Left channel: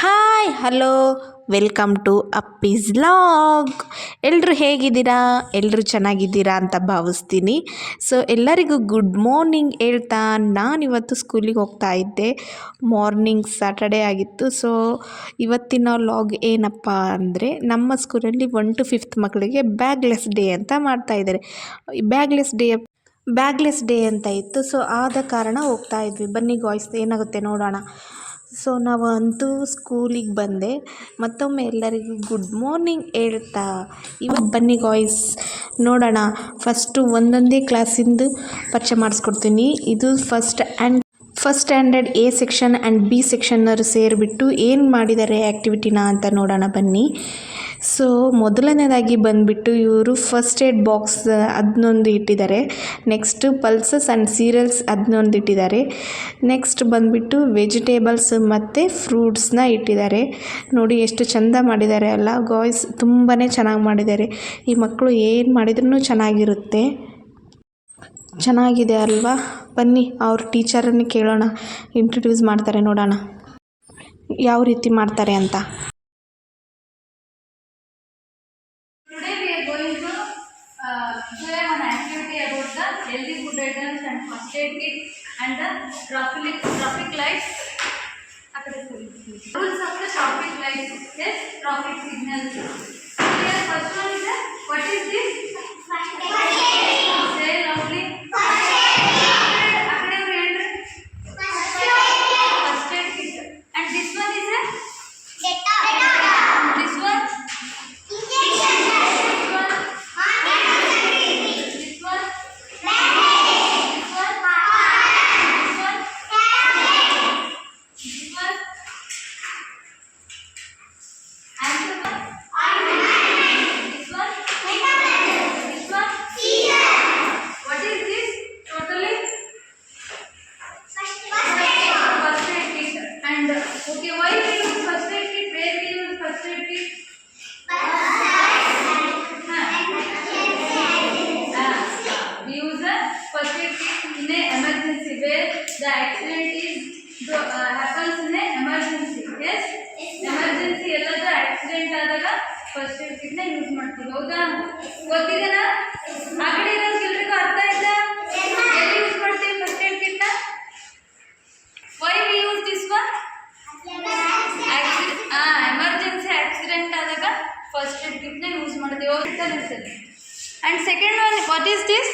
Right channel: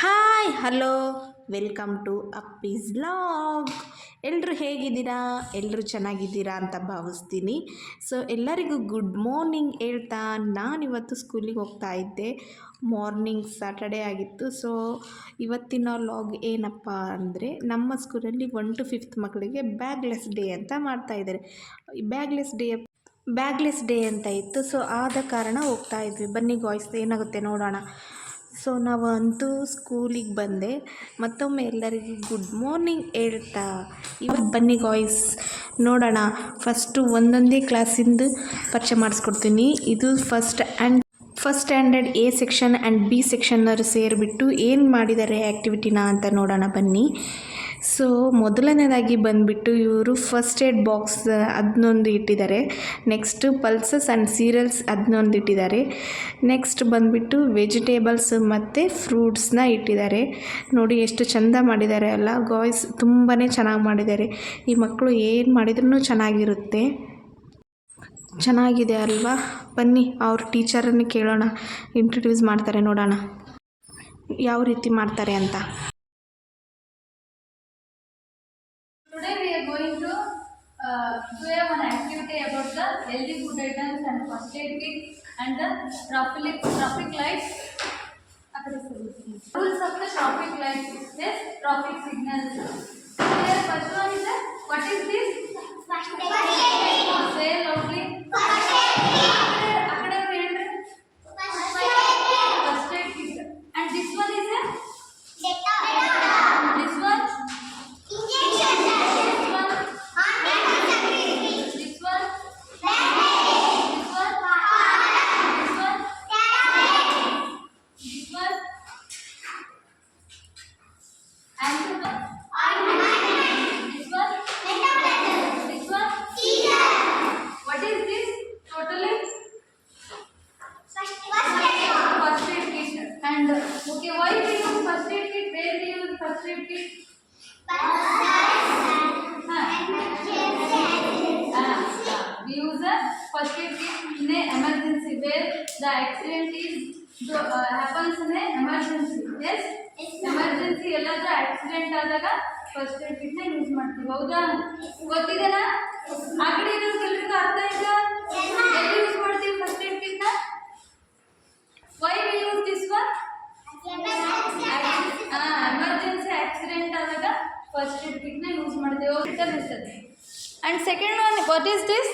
Hi hello welcome to Appi's vlog. ಎಲ್ಲರೂ ಹೇಗಿದ್ದೀರಾ? ಎಲ್ಲರೂ ಚೆನ್ನಾಗಿದ್ದೀರಾ ಅಂತ ಭಾವಿಸ್ತೀನಿ. ಸೊ ಎಲ್ಲರಿಗೂ ಗುಡ್ ಮಾರ್ನಿಂಗ್ ಹೇಳ್ತಾ ನಾನಿವತ್ತು ಸ್ಕೂಲಿಗೆ ಹೋಗ್ತಾ ಇದ್ದೆ. ಮಾರ್ನಿಂಗ್ ಸ್ಯಾಟರ್ಡೇ ಆಗಿತ್ತು. ಸೊ ಇವತ್ತಿನ ಲಾಗ್ ಏನಪ್ಪ ಅಂದರೆ, ನಮ್ಮ ಸ್ಕೂಲಲ್ಲಿ 1 to 5th ಮಕ್ಕಳಿಗೆ ಬ್ಯಾಗ್ಲೆಸ್ ಡೇ ಅಂತ ಮಾಡ್ತಾಯಿದ್ದಾರೆ. ಬ್ಯಾಗ್ಲೆಸ್ ಡೇ ಅಂತ ಇತ್ತು. ಸೊ ಆದ ಕಾರಣ ಹೋಗ್ತಾ ಇದ್ವಿ. ಬನ್ನಿ ಗಾಯ್ಸ್, ಏನಾಗುತ್ತೆ ನೋಡೋಣ. ಸೊ ನಾವಂತೂ ಸ್ಕೂಲಿಗೆ ಬಂದೆ. ಮತ್ತೊಮ್ಮೆ ಎಲ್ಲರಿಗೂ ಗುಡ್ ಮಾರ್ನಿಂಗ್ ಹೇಳ್ತಾ ಇವತ್ತು ಬನ್ನಿ ಗಾಯ್ಸ್ ನೋಡೋಣ. ಫಸ್ಟು ಒಂದೊಂದೇ ಕ್ಲಾಸಿಂದು ಪರಿಚಯ ಮಾಡಿಸ್ಕೊಡ್ತೀನಿ. ಇದು first standard A section and B ಸೆಕ್ಷನ್ನರು ಸೇರಿಬಿಟ್ಟು ಏನು ಮಾಡಿದ್ದಾರೆ ಆ್ಯಕ್ಟಿವಿಟಿನ ಅಂತ ನೋಡೋಣ ಬನ್ನಿ. ಸೊ ಮೊದಲನೇದಾಗಿ ಬಂದುಬಿಟ್ಟು ಇವರು ಫಸ್ಟ್ ಏಡ್ ಬಾಕ್ಸ್ ಅದನ್ನೊಂದು ಇಟ್ಟಿದ್ದಾರೆ. ನೆಕ್ಸ್ಟು ಪಲ್ಸಸ್ ಆ್ಯಂಡ್ ಸೀರಿಯಲ್ಸ್ ಅದನ್ನೊಂದು ಇಟ್ಟಿದ್ದಾರೆ. ನೆಕ್ಸ್ಟ್ ಬಂದುಬಿಟ್ಟು ವೆಜಿಟೇಬಲ್ಸ್ ಮತ್ತು ಫ್ರೂಟ್ಸ್ನ ಇಟ್ಟಿದ್ದಾರೆ. ನೋಡಿ ಎಷ್ಟು ಚೆಂದ ಮಾಡಿದ್ದಾರೆ ಅಲ್ಲ ಗಾಯ್ಸ್, ತುಂಬಾ ಚೆನ್ನಾಗಿ ಮಾಡಿದ್ದಾರೆ. ಈ ಮಕ್ಕಳು ಏನು ಮಾಡಿದ್ರೂ ಚೆನ್ನಾಗಿದೆ ಅಲ್ವಾ? ಬನ್ನಿ ಅವ್ರ ಟೀಚರನ್ನು ಕೇಳೋಣ, ಇಂಟ್ರೊಡ್ಯೂಸ್ ಮಾಡ್ತಾರೆ ನೋಡೋಣ ಯಾವ ರೀತಿ ಮಾಡ್ತಾರೆ ಅಂತ. Do one activity about the healthy food items and first aid kit and the traffic lights. Rules of the traffic lights. Yes, traffic signals. Here first one is what is this? First aid. Say loudly. First aid. First aid kit. And this one is a this one. Okay, why we use first aid kit? Where we use first aid kit? We use a first aid kit in an emergency where the accident happens in an emergency. Yes? Emergency ಎಲ್ಲದ accident ಆದಾಗ first aid kit ನ use ಮಾಡ್ತೀವಿ. ಹೌದಾ? ಗೊತ್ತಿದೆನಾ? ಆ ಕಡೆ ಇರೋರಿಗೆಲ್ಲರಿಗೂ ಅರ್ಥ ಆಯ್ತಾ? ಎಲ್ಲಿ ಯೂಸ್ ಮಾಡ್ತೀವಿ ಫಸ್ಟ್ ಏಡ್ ಕಿಟ್ ನ? Why we use this one? Emergency accident ಆದಾಗ ಫಸ್ಟ್ ಏಡ್ ಕಿಟ್ ನ ಯೂಸ್ ಮಾಡ್ತೀವಿ. And second one, what is this?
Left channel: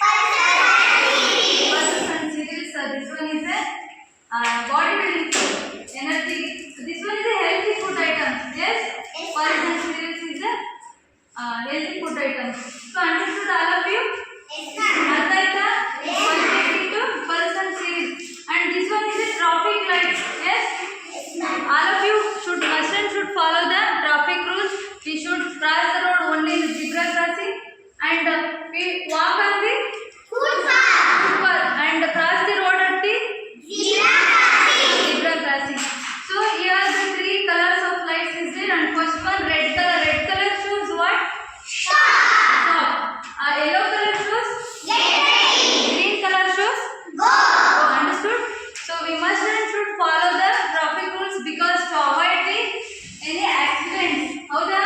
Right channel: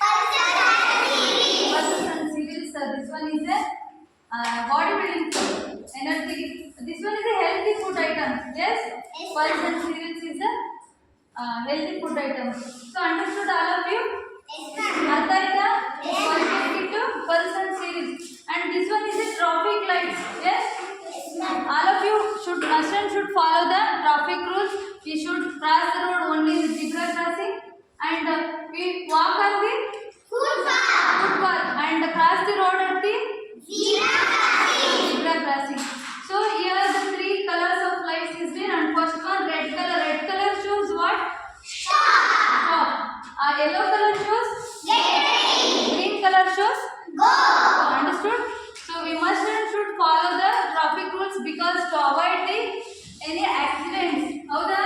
Pulses and cereals. This one is a body building food, energy. This one is a healthy food item. Yes? Pulses and cereals is a healthy food item. So understood all of you? Artha aita? First aid kit, pulse and cereals. And this one is a traffic light. Yes? All of you should follow the traffic rules. We should cross the road only in zebra crossing, and we walk on the footpath and cross the road at the zebra crossing. So here the 3 colors of lights is there, and first one red color shows what? Stop. Yellow color shows green color shows go. Understood? So we must and should follow the traffic rules because to avoid any accidents. ಹೌದಾ?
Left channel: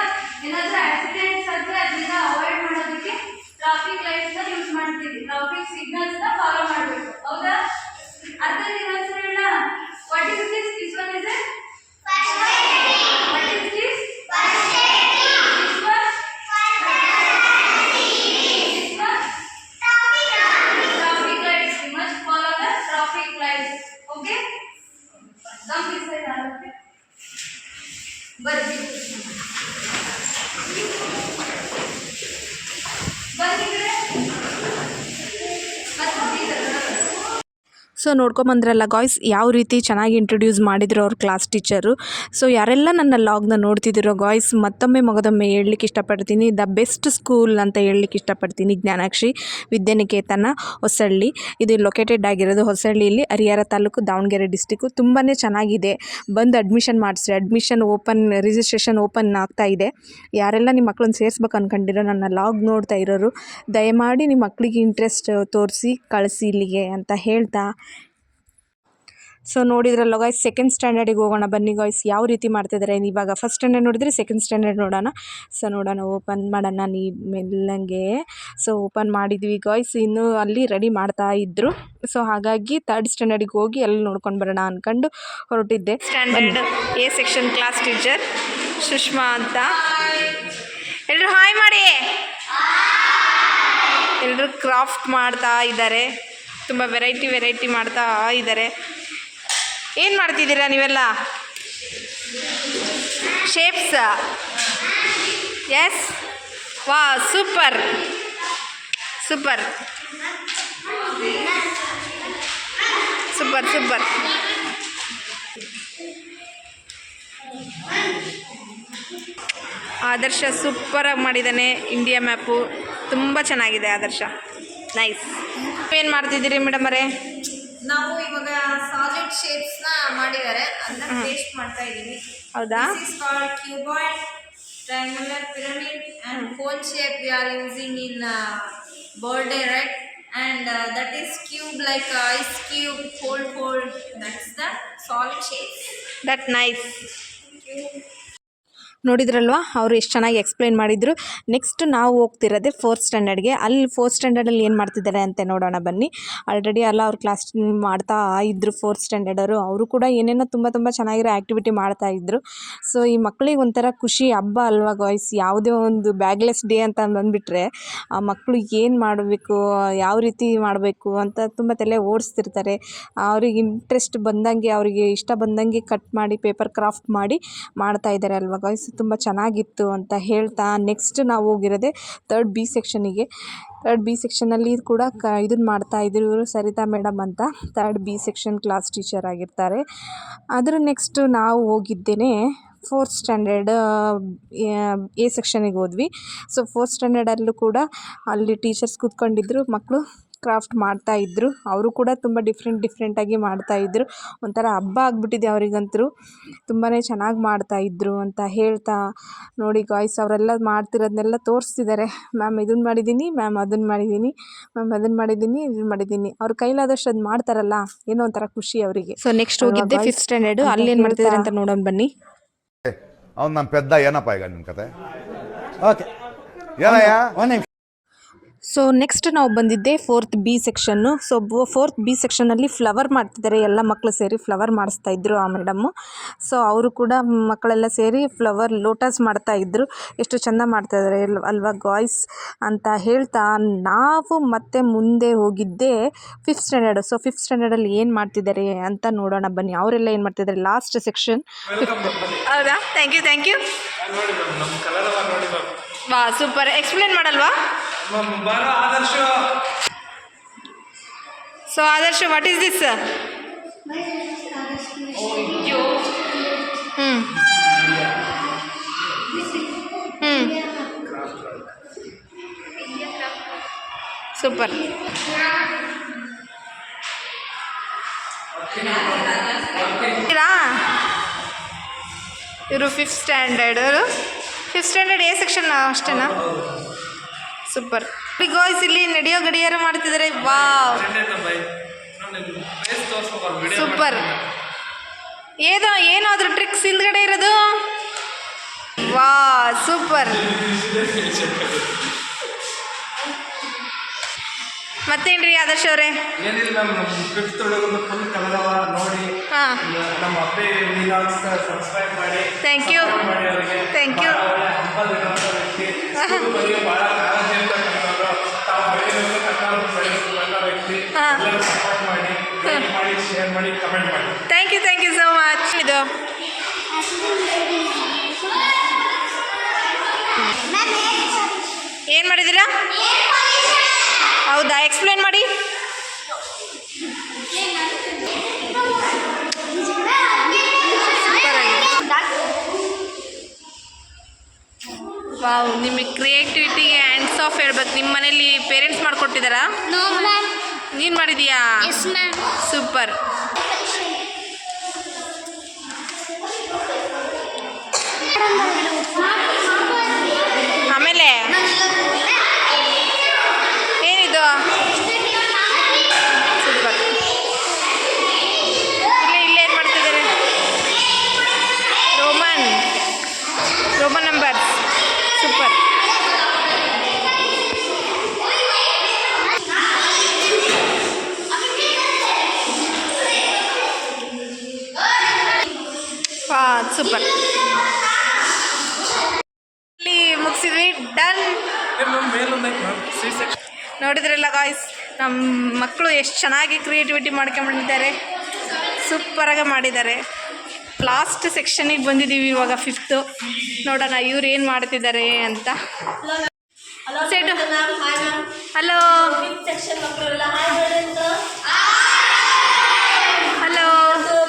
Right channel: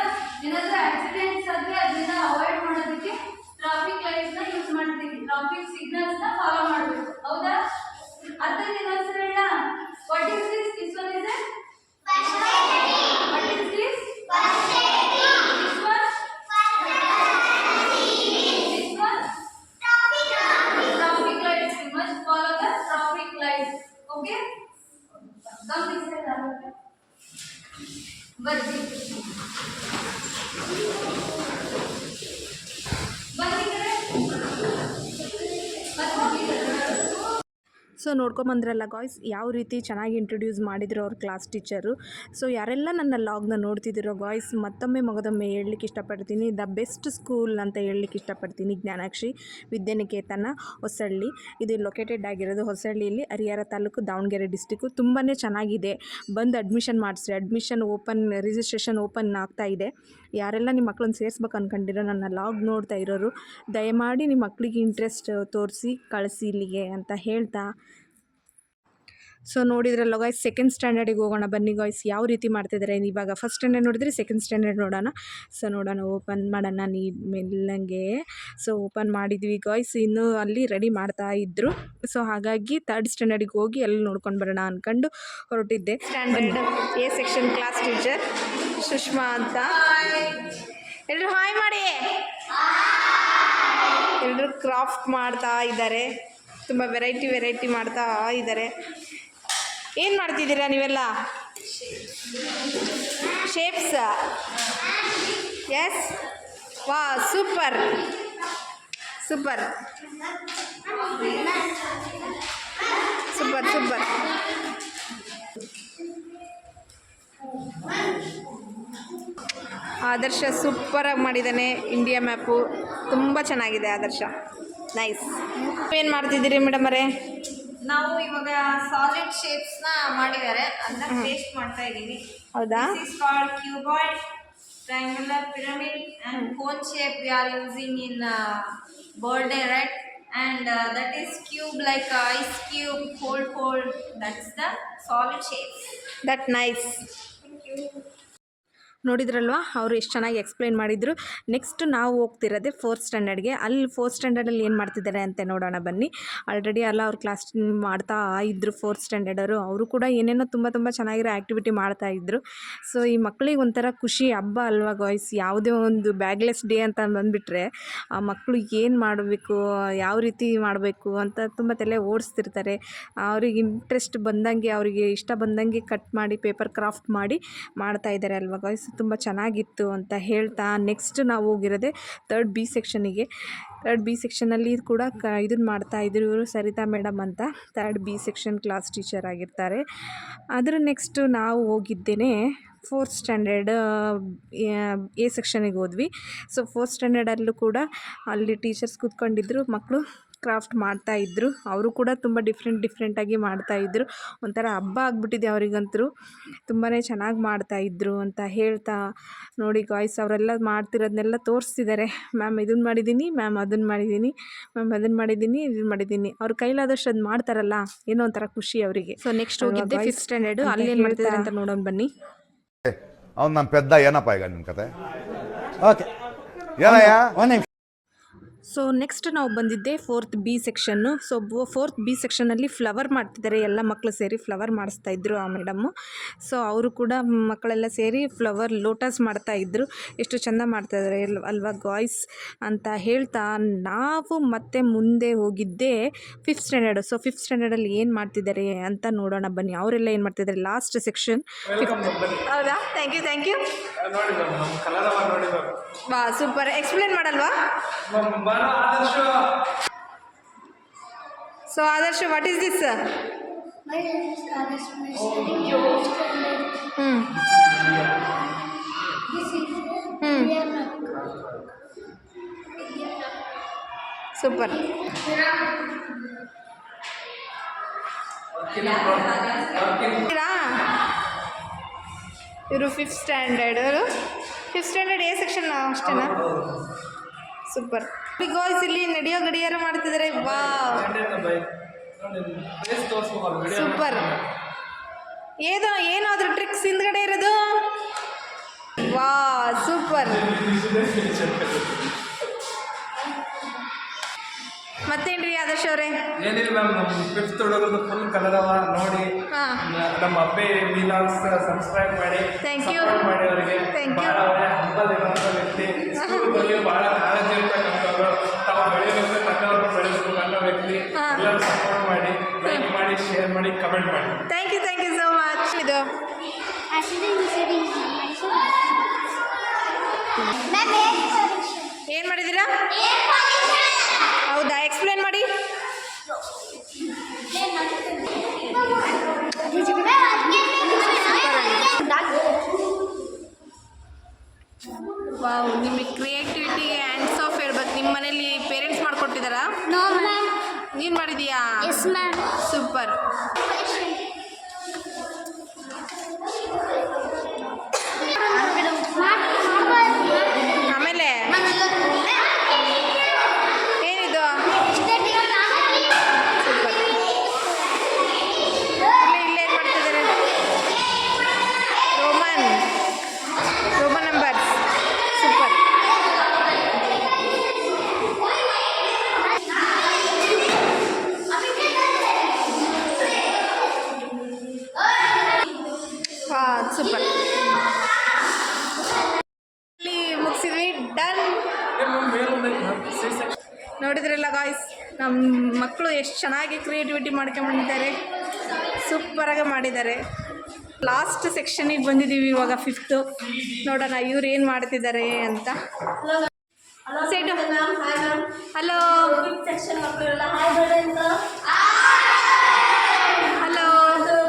ಏನಾದರೂ accidents ಆದರೆ ಅದನ್ನ avoid ಮಾಡೋದಕ್ಕೆ traffic lights ನ use ಮಾಡ್ತೀವಿ. Traffic signals ನ follow ಮಾಡಬೇಕು. ಹೌದಾ? ಅರ್ಥ ಇದೆಯಾ ಹೇಳ? What is this? This one is what is this? This one traffic lights. We must follow the traffic lights. Okay? Come this side. Okay? ಬರ್ರಿ ಸೊ ನೋಡ್ಕೊಂಬಂದ್ರಲ್ಲ ಗಾಯ್ಸ್, ಯಾವ ರೀತಿ ಚೆನ್ನಾಗಿ ಇಂಟ್ರೊಡ್ಯೂಸ್ ಮಾಡಿದ್ರು ಅವ್ರ ಕ್ಲಾಸ್ ಟೀಚರು. ಸೊ ಯಾರೆಲ್ಲ ನನ್ನ ಲಾಗ್ನ ನೋಡ್ತಿದ್ದೀರೋ ಗಾಯ್ಸ್, ಮಗದೊಮ್ಮೆ ಹೇಳಲಿಕ್ಕೆ ಇಷ್ಟಪಡ್ತೀನಿ, ದ ಬೆಸ್ಟ್ ಸ್ಕೂಲ್ ಅಂತ ಹೇಳಲಿಕ್ಕೆ ಇಷ್ಟಪಡ್ತೀನಿ. ಜ್ಞಾನಾಕ್ಷಿ ವಿದ್ಯಾನಿಕೇತನ ಹೊಸಳ್ಳಿ, ಇದು ಲೊಕೇಟೆಡ್ ಆಗಿರೋದು ಹೊಸಳ್ಳಿಯಲ್ಲಿ, ಹರಿಹರ ತಾಲೂಕು, ದಾವಣಗೆರೆ ಡಿಸ್ಟಿಕ್ಕು. ತುಂಬಾ ಚೆನ್ನಾಗಿದೆ. ಬಂದು ಅಡ್ಮಿಷನ್ ಮಾಡಿಸ್ರಿ. ರಿಜಿಸ್ಟ್ರೇಷನ್ ಓಪನ್ ಆಗ್ತಾ ಇದೆ. ಯಾರೆಲ್ಲ ನಿಮ್ಮ ಮಕ್ಕಳನ್ನ ಸೇರಿಸ್ಬೇಕು ಅಂದ್ಕೊಂಡಿರೋ ನನ್ನ ಲಾಗ್ ನೋಡ್ತಾ ಇರೋರು, ದಯಮಾಡಿ ನಿಮ್ಮ ಮಕ್ಕಳಿಗೆ ಇಂಟ್ರೆಸ್ಟ್ ತೋರಿಸಿ ಕಳಿಸಿ ಇಲ್ಲಿಗೆ ಅಂತ ಹೇಳ್ತಾ ಸೊ ನೋಡಿದ್ರಲ್ಲ ಗಾಯ್ಸ್, ಸೆಕೆಂಡ್ ಸ್ಟ್ಯಾಂಡರ್ಡಿಗೆ ಹೋಗೋಣ ಬನ್ನಿ ಗಾಯ್ಸ್, ಯಾವ ರೀತಿ ಮಾಡ್ತಿದ್ದಾರೆ. ಇವಾಗ ಫಸ್ಟ್ ಸ್ಟ್ಯಾಂಡರ್ಡ್ ನೋಡಿದ್ರೆ ಸೆಕೆಂಡ್ ಸ್ಟ್ಯಾಂಡರ್ಡ್ ನೋಡೋಣ. ಸೊ ನೋಡೋಣ, ಓಪನ್ ಮಾಡೋಣ ನೀ ಮೆಲ್ಲಂಗೆ. ಸೊ ಓಪನ್ ಮಾಡಿದ್ವಿ ಗಾಯ್ಸ್, ಇನ್ನೂ ಅಲ್ಲಿ ರೆಡಿ ಮಾಡ್ತಾ ಇದ್ರು. ಸೊ ಹಾಗಾಗಿ ಥರ್ಡ್ ಸ್ಟ್ಯಾಂಡರ್ಡಿಗೆ ಹೋಗಿ ಅಲ್ಲಿ ನೋಡ್ಕೊಂಡು ಬರೋಣ ಅಂದ್ಕೊಂಡು ಹೊರಟಿದ್ದೆ. Standard A section class teacher Sushma ಅಂತ. ಎಲ್ಲರೂ ಹಾಯ್ ಮಾಡಿ. ಎಲ್ಲರೂ ಕ್ರಾಫ್ಟ್ ಮಾಡ್ತಾ ಇದ್ದಾರೆ, ತುಂಬ ವೆರೈಟಿ ಮಾಡ್ತಾ ಇದ್ದಾರೆ. ಏನು ಮಾಡ್ತಿದ್ದೀರಾ ನೀವೆಲ್ಲ? ಶೇಪ್ಸ್. ಎಸ್, ವಾ, ಸೂಪರ್ ಸೂಪರ್ ಸೂಪರ್ ಸೂಪರ್. ಆದರ್ಶ ಸೂಪರಾಗಿ ಮಾಡಿದ್ದಾನೆ. ಇಂಡಿಯಾ ಮ್ಯಾಪು ತುಂಬ ಚೆನ್ನಾಗಿದೆ ಆದರ್ಶ, ನೈಸ್. ಏನು ಮಾಡ್ತಿದ್ದೀರಿ ಮೇಡಮ್ ಅವರೇ? ನಾವು ಇವಾಗ ಸಾಲಿಡ್ ಶೇಪ್ಸ್ ನ ಮಾಡಿದ್ದಾರೆ, ಅದನ್ನ ಪೇಸ್ಟ್ ಮಾಡ್ತಾ ಇದೀವಿ. ಹೌದಾ? This is called cuboid, triangular pyramid and cone shape we are using in birthday, right? And that is cube like ice cube, cold. That's the solid shape. That nice. Thank you. ನೋಡಿದ್ರಲ್ವಾ, ಅವರು ಎಷ್ಟು ಚೆನ್ನಾಗಿ explain ಮಾಡಿದರು. Next ನಾವು ಹೋಗ್ತಿರೋದೆ fourth ಸ್ಟ್ಯಾಂಡರ್ಡ್ಗೆ. ಅಲ್ಲಿ fourth ಸ್ಟ್ಯಾಂಡರ್ಡಲ್ಲಿ ಏನು ಮಾಡ್ತಿದ್ದಾರೆ ಅಂತ ನೋಡೋಣ ಬನ್ನಿ. ಆಲ್ರೆಡಿ ಎಲ್ಲ ಅವ್ರು ಕ್ಲಾಸ್ ಮಾಡ್ತಾ ಇದ್ದರು ಫೋರ್ತ್ ಸ್ಟ್ಯಾಂಡರ್ಡರು. ಅವರು ಕೂಡ ಏನೇನೋ ತುಂಬ ಚೆನ್ನಾಗಿರೋ ಆ್ಯಕ್ಟಿವಿಟಿ ಮಾಡ್ತಾಯಿದ್ರು. ಸೊ ಈ ಮಕ್ಕಳಿಗೆ ಒಂಥರ ಖುಷಿ ಹಬ್ಬ ಅಲ್ವಾ ಗಾಯ್ಸ್. ಯಾವುದೇ ಒಂದು ಬ್ಯಾಗ್ಲೆಸ್ ಡೇ ಅಂತ ಬಂದುಬಿಟ್ರೆ ಆ ಮಕ್ಕಳು ಏನು ಮಾಡಬೇಕು, ಯಾವ ರೀತಿ ಮಾಡಬೇಕು ಅಂತ ತುಂಬ ತಲೆ ಓಡಿಸ್ತಿರ್ತಾರೆ. ಅವ್ರಿಗೆ ಇಂಟ್ರೆಸ್ಟ್ ಬಂದಂಗೆ, ಅವರಿಗೆ ಇಷ್ಟ ಬಂದಂಗೆ ಕಟ್ ಮಾಡಿ ಪೇಪರ್ ಕ್ರಾಫ್ಟ್ ಮಾಡಿ ಮಾಡ್ತಾಯಿದ್ದಾರೆ ಅಲ್ವಾ ಗಾಯ್ಸ್. ತುಂಬ ಚೆನ್ನಾಗಿತ್ತು ಅಂತ ಹೇಳ್ತಾ ನೆಕ್ಸ್ಟ್ ನಾವು ಹೋಗಿರೋದೆ ಥರ್ಡ್ ಬಿ ಸೆಕ್ಷನಿಗೆ. ಥರ್ಡ್ ಬಿ ಸೆಕ್ಷನಲ್ಲಿ ಕೂಡ ಇದನ್ನು ಮಾಡ್ತಾಯಿದ್ರು ಇವರು, ಸರಿತಾ ಮೇಡಮ್ ಅಂತ, third B section class teacher ಆಗಿರ್ತಾರೆ. ಅದರ ನೆಕ್ಸ್ಟು ನಾವು ಹೋಗಿದ್ದೇನೆ ಫೋರ್ತ್ ಸ್ಟ್ಯಾಂಡರ್ಡ್ ಎ ಸೆಕ್ಷನಿಗೆ ಹೋದ್ವಿ. ಸೊ ಫೋರ್ತ್ ಸ್ಟ್ಯಾಂಡರ್ಡಲ್ಲೂ ಕೂಡ ಅಲ್ಲಿ ಟೀಚರ್ಸ್ ಕೂತ್ಕೊಂಡಿದ್ರು, ಮಕ್ಕಳು ಕ್ರಾಫ್ಟ್ ಮಾಡ್ತಾಯಿದ್ರು. ಅವರು ಕೂಡ ತುಂಬ ಡಿಫ್ರೆಂಟಾಗಿ ಮಾಡ್ತಾಯಿದ್ರು. ಒಂಥರ ಹಬ್ಬ ಆಗಿಬಿಟ್ಟಿದೆ ಅವರಿಗಂತೂ, ತುಂಬಾ ಚೆನ್ನಾಗಿ ಮಾಡ್ತಾಯಿದ್ರು ಅಂತ ಹೇಳ್ತಾ ನೋಡಿ ಗಾಯ್ಸ್, ಅವರೆಲ್ಲ ಮಾಡ್ತಿರೋದನ್ನೆಲ್ಲ ತೋರಿಸ್ತಿದ್ದಾರೆ. ಮ್ಯಾಮ್ ಇದನ್ನು ಮಾಡಿದ್ದೀನಿ, ಮ್ಯಾಮ್ ಅದನ್ನು ಮಾಡಿದ್ದೀನಿ, ಮ್ಯಾಮ್ ಅದನ್ನು ಮಾಡಿದ್ದೀನಿ, ಇದನ್ನು ಮಾಡಿದ್ದೀನಿ. ಅವ್ರ ಕೈಲಾದಷ್ಟು ಅದು ಮಾಡ್ತಾರಲ್ಲ, ಏನೋ ಒಂಥರ ಖುಷಿ ಅವರಿಗೆ. ಸೊ ನೆಕ್ಸ್ಟ್ ಹೋಗಿದ್ದೆ ಫಿಫ್ತ್ ಸ್ಟ್ಯಾಂಡರ್ಡು. ಅಲ್ಲಿ ಏನು ಮಾಡ್ತಿದ್ದಾರೆ ಅಂತ ನೋಡೋಣ ಬನ್ನಿ. ಅವ್ನು ನಮ್ಮ ಪೆದ್ದ. ಏನಪ್ಪ ಈಗ ನಿಮ್ಮ ಕತೆ? ಓಕೆ, ಏನಯ್ಯ ಒಂದು ನಿಮಿಷ. ಸೊ ನೆಕ್ಸ್ಟ್ ನಾವು ಬಂದಿದ್ದೆ fourth B section. So fourth B ಸೆಕ್ಷನಲ್ಲಿ ಫ್ಲವರ್ ಮಾಡ್ತಿದ್ದಾರೆ, ಎಲ್ಲ ಮಕ್ಕಳು ಸೇರಿ ಫ್ಲವರ್ ಮಾಡಿಸ್ತಾಯಿದ್ರು ಆ ಮೇಡಮ್ಮು. ಸೊ ಅವರು ಕೂಡ ಮಕ್ಕಳೆಲ್ಲ ಸೇರಿ ಫ್ಲವರ್ ಲೋಟಸ್ ಮಾಡ್ತಾಯಿದ್ರು. ಎಷ್ಟು ಚೆಂದ ಮಾಡ್ತಾಯಿದ್ದಾರೆ ಅಲ್ವಾ ಗಾಯ್ಸ್ ಅಂತ ಹೇಳ್ತಾ ನಾವು ಮತ್ತೆ ಮುಂದೆ ಹೋಗಿದ್ದೆ ಫಿಫ್ತ್ ಸ್ಟ್ಯಾಂಡರ್ಡು. ಸೊ ಫಿಫ್ತ್ ಸ್ಟ್ಯಾಂಡರ್ಡಲ್ಲಿ ಏನು ಮಾಡ್ತಿದ್ದಾರೆ ಅಂತ ನೋಡೋಣ ಬನ್ನಿ. ಅವರೆಲ್ಲ ಏನು ಮಾಡ್ತಿದ್ದಾರೆ, ಲಾಸ್ಟ್ ಸೆಕ್ಷನ್. ಹೌದಾ? Thank you. ವಾ, ಸೂಪರ್. ಎಕ್ಸ್ಪ್ಲೇನ್ ಮಾಡಲ್ವಾ? So Adarsh, what is this? My name is Adarsh. Super. ಇವರು ಫಿಫ್ತ್ ಸ್ಟ್ಯಾಂಡರ್ಡ್ ಎ ಸೆಕ್ಷನ್ ಅಷ್ಟೇನಾ? ಸೂಪರ್. ಗಾಯ್ಸ್ ಇಲ್ಲಿ ನಡೆಯೋ ಗಡಿಯಾರ ಮಾಡ್ತಿದ್ದಾರೆ. Wow, super. ಏನಾದರೂ ಟ್ರಿಕ್ಸ್ ಹಿಂದ್ಗಡೆ ಇರೋದು? ವಾ, ಸೂಪರ್. ಮತ್ತೇನ್ರಿ ಆದರ್ಶ್ ಅವರೇ? ಏನಿಲ್ಲ ಮ್ಯಾಮ್, ನಮ್ಮ ಫಿಫ್ತ್ ಹುಡುಗರು ಫುಲ್ ಕಲರವ ನೋಡಿ ನಮ್ಮ ಅಪ್ಪೆ ವಿಲಾಗ್ಸ್ ಸಬ್ಸ್ಕ್ರೈಬ್ ಮಾಡಿ. Thank you. ಮಾಡಿ ಅವರಿಗೆ ಥ್ಯಾಂಕ್ ಯು. ಹಂಬಲ್ ಇರುವಂಥ ವ್ಯಕ್ತಿ, ಬಗ್ಗೆ ಭಾಳ ಕಾಳಜಿ ಅಂತ ಕನ್ನಡವರು ತಾವು ಬೆಳೆಯಬೇಕು, ಕನ್ನಡವರು ಬೆಳೆಯಬೇಕು ಅನ್ನೋ ವ್ಯಕ್ತಿ. ಎಲ್ಲರೂ ಸಪೋರ್ಟ್ ಮಾಡಿ, ಲೈಕ್ ಮಾಡಿ, ಶೇರ್ ಮಾಡಿ, ಕಮೆಂಟ್ ಮಾಡಿ. Thank you so much. ಇದು ಏನು ಮಾಡಿದ್ದೀರಾ? ಹೌದಾ, ಎಕ್ಸ್ಪ್ಲೇನ್ ಮಾಡಿ. ವಾವ್, ನಿಮಗೆ ಕ್ರಿಯೇಟಿವಿಟಿಗೆ ಹ್ಯಾಂಡ್ಸ್ ಆಫ್ ಹೇಳ್ಬೇಕು. ನಿಮ್ಮ ಮನೇಲಿ ಪೇರೆಂಟ್ಸ್ ಮಾಡಿಕೊಟ್ಟಿದ್ದಾರಾ? No, ma'am. ನೀನು ಮಾಡಿದೀಯಾ? Yes, ma'am. ಸೂಪರ್. ಆಮೇಲೆ ಏನಿದು? ಸೂಪರ್. ಇಲ್ಲಿ ವಾ ಸೂಪರ್. ಇಲ್ಲಿ ಮುಗಿಸಿದ್ವಿ, ಡನ್. ಮೇಲೊಂದೈತೆ ಮ್ಯಾಮ್ ಸಿ ಸೆಕ್ಷನ್. ನೋಡಿದ್ರಲ್ಲ ಗಾಯ್ಸ್, ನಮ್ಮ ಮಕ್ಕಳು ಎಷ್ಟು ಚೆನ್ನಾಗಿ ಕ್ರಿಯೇಟಿವಿಟಿ ಮಾಡ್ಕೊಂಡ್ಬಂದಿದ್ದಾರೆ, ಸೂಪರಾಗಿ ಮಾಡಿದ್ದಾರೆ. ಲಾಸ್ಟ್ ಸೆಕ್ಷನಿಗೆ ಬಂದಿದ್ದೀವಿ ಇವಾಗ, 5th. ನೋಡೋಣ ಇವ್ರು ಏನು ಮಾಡ್ತಿದ್ದಾರೆ ಅಂತ. ಸೆಟ್ ಹಲೋ ಸೆಕ್ಷನ್ ಮಕ್ಕಳೆಲ್ಲ ಹಾಯ್ ಹೇಳಂತ. ಹಲೋ.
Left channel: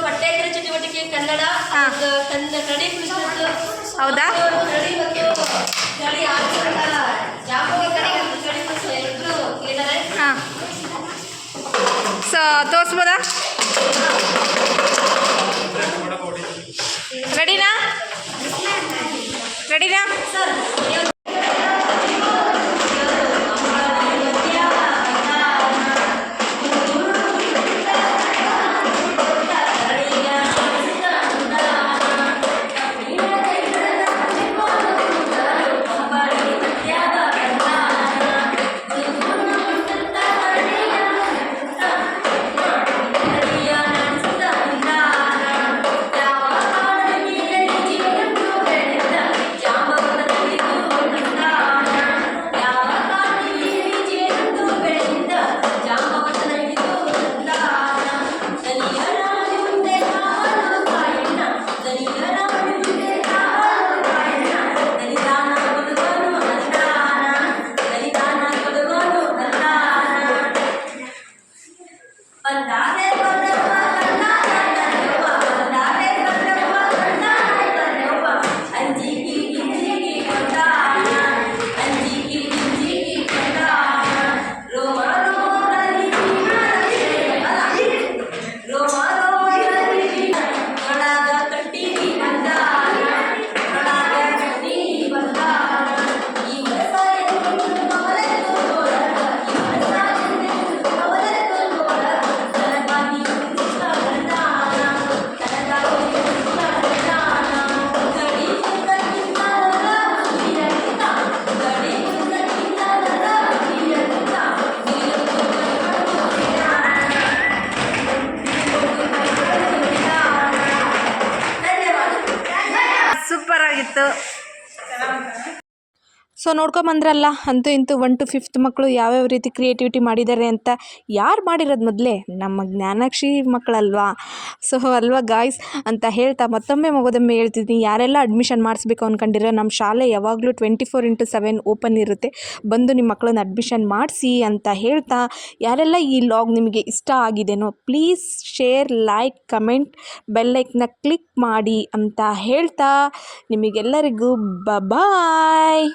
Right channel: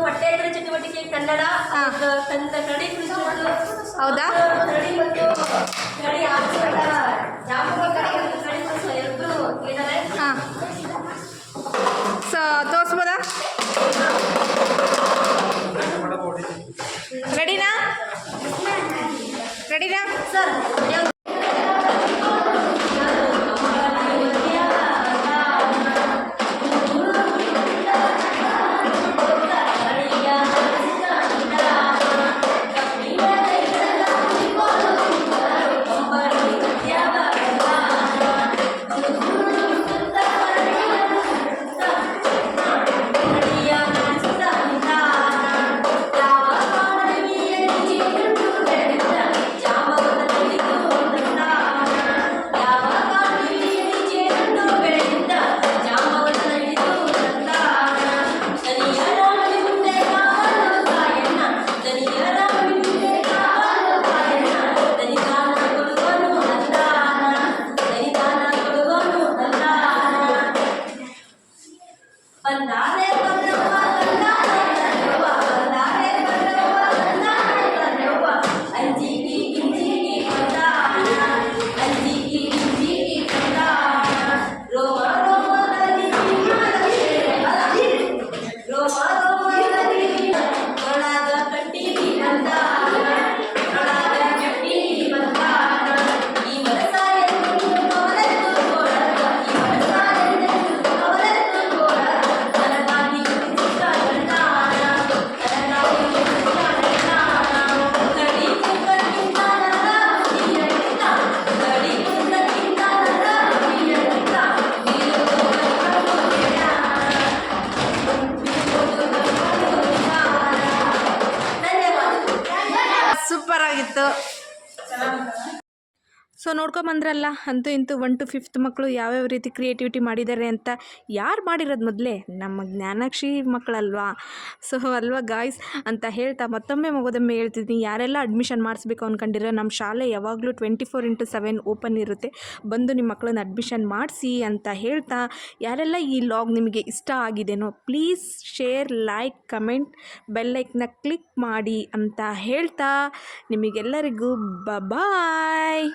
ಪಠ್ಯೇತರ ಚಟುವಟಿಕೆ ಕನ್ನಡ ಕನ್ನಡಿ ಕುರಿತು. ಹೌದಾ? ಕನ್ನಡಿ ಮತ್ತು ಕನ್ನಡಿ ಆಚರಣೆ ಜಾಮೂನ ಕಡೆ ಕನ್ನಡಿ ಮತ್ತು ಎಲ್ಲರೂ ಏನಾರೆ. ಹಾಂ, ಸೊ ತೋರಿಸ್ಬೋದಾ? ರೆಡಿನಾ? ರೆಡಿನಾ ಸರ್ ಸೂಪರ್ ಆಗಿತ್ತು. ಸೊ ನೋಡ್ಕೊಂಬಂದ್ರಲ್ಲ, ಅಂತೂ ಇಂತೂ 1 to 5th ಮಕ್ಕಳು ಯಾವ್ಯಾವ ರೀತಿ ಕ್ರಿಯೇಟಿವಿಟಿ ಮಾಡಿದ್ದಾರೆ ಅಂತ. ಯಾರು ಮಾಡಿರೋದು ಮೊದಲೇ? ನಮ್ಮ ಜ್ಞಾನಾಕ್ಷಿ ಮಕ್ಕಳಲ್ವಾ? ಸೊ ಅಲ್ವಾ ಗಾಯ್ಸ್ ಅಂತ ಹೇಳ್ತಾ ಮತ್ತೊಮ್ಮೆ ಮಗೋದೊಮ್ಮೆ ಹೇಳ್ತಿದ್ದೀನಿ, ಯಾರೆಲ್ಲ ಅಡ್ಮಿಷನ್ ಮಾಡಿಸ್ಬೇಕು ಅಂದ್ಕೊಂಡಿರೋ ನಮ್ಮ ಶಾಲೆ ಯಾವಾಗಲೂ 24/7 ಓಪನ್ ಇರುತ್ತೆ, ಬಂದು ನಿಮ್ಮ ಮಕ್ಕಳನ್ನ ಅಡ್ಮಿಷನ್ ಮಾಡಿಸಿ ಅಂತ ಹೇಳ್ತಾ, ಯಾರೆಲ್ಲ ಈ ಲಾಗ್ ನಿಮಗೆ ಇಷ್ಟ ಆಗಿದೆನೋ ಪ್ಲೀಸ್ ಶೇರ್, ಲೈಕ್, ಕಮೆಂಟ್, ಬೆಲ್ಲೈಕ್ನ ಕ್ಲಿಕ್ ಮಾಡಿ ಅಂತ ಹೇಳ್ತಾ ನಿಮಗೆಲ್ಲರಿಗೂ ಬಾಯ್.